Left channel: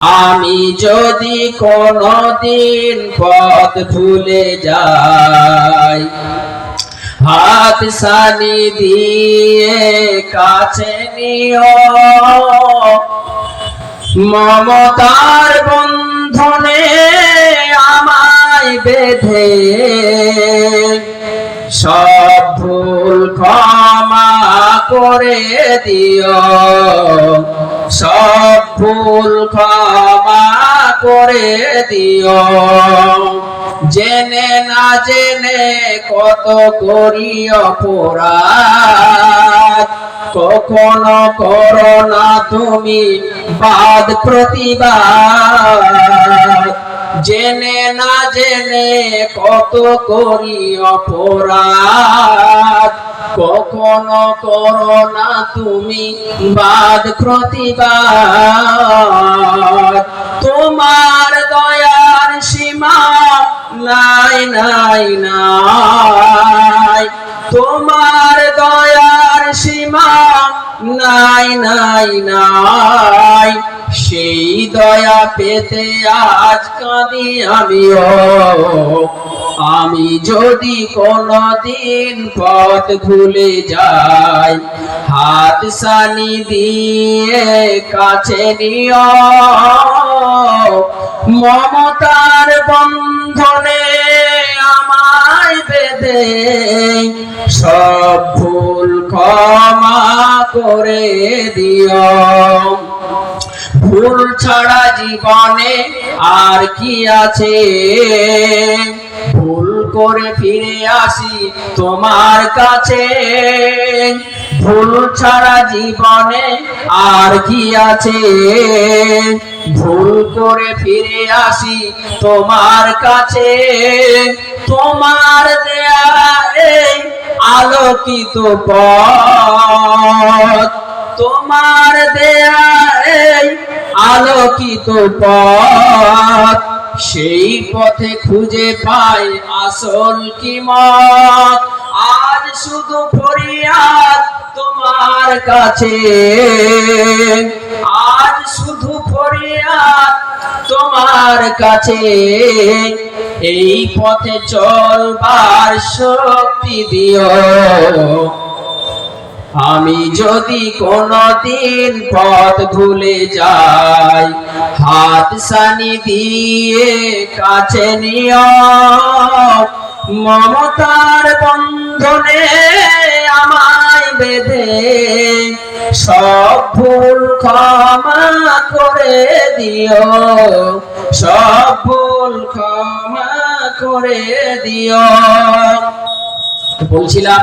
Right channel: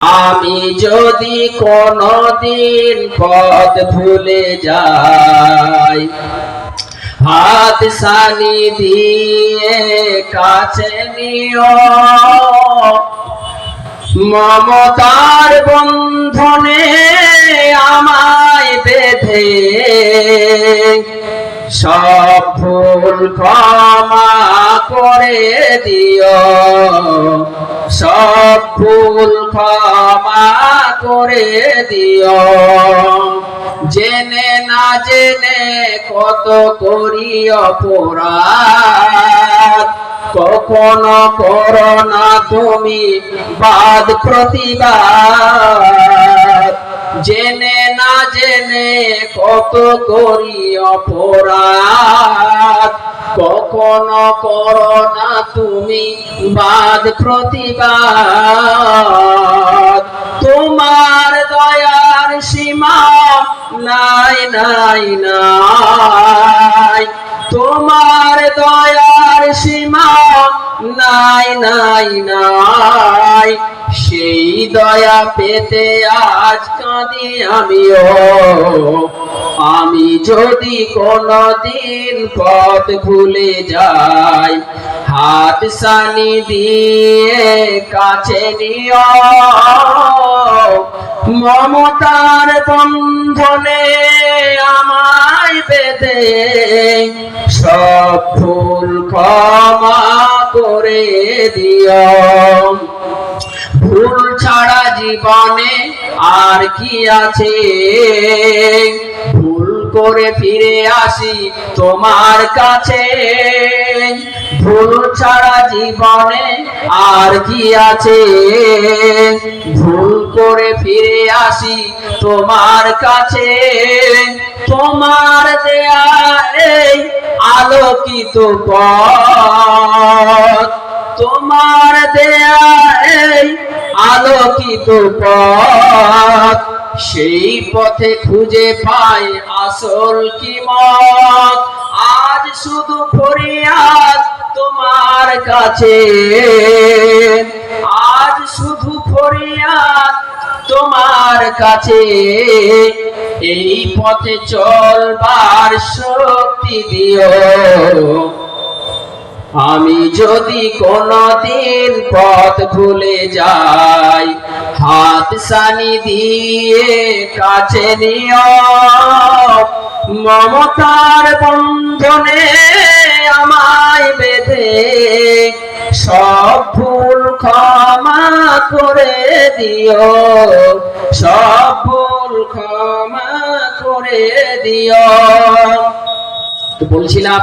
আমি যদি কোনদিন পথ ভুলে যাই, হাত সানি দিয়ে কাছে নিও। মমতার বন্ধনে আমায় বেঁধে, সব ভুল ক্ষমা করে দিও। সব ভুল ক্ষমা করে দিও। জেনে না জেনে কত করি অপরাধ। কখনো করো না তুমি বাদ প্রতিবাদ। জেনে না জেনে কত করি অপরাধ। কখনো করো না তুমি বাদ প্রতিবাদ। নাই নাই। তোমার দয়ার সীমা নাই নাই নাই। সেই দয়া পেতে আজ কাঁদি আমিও। আমি যদি কোনদিন পথ ভুলে যাই, হাত সানি দিয়ে কাছে নিও। মমতার বন্ধনে সব ভুল ক্ষমা করে দিও। ভুল ছাড়া জীবনে আর কি আছে? ভুল করে ফিরে আসি তোমার কাছে। ভুল ছাড়া জীবনে আর কি আছে? ভুল করে ফিরে আসি তোমার কাছে। আলোকিত পথ। তোমার দেয়া এই আলোকিত পথ, সেই পথে খুঁজে পাই আসল কিমত আজ শুধু ফরিয়াদ তোমার কাছে। আজ শুধু ফরিয়াদ তোমার কাছে। এই পথে চলবার শক্তি দিও। আমি যদি কোনদিন পথ ভুলে যাই, হাত সানি দিয়ে কাছে নিও। মমতার বন্ধনে আমায় বেঁধে, সব ভুল ক্ষমা করে দিও। সব করে দিও। বলছিলাম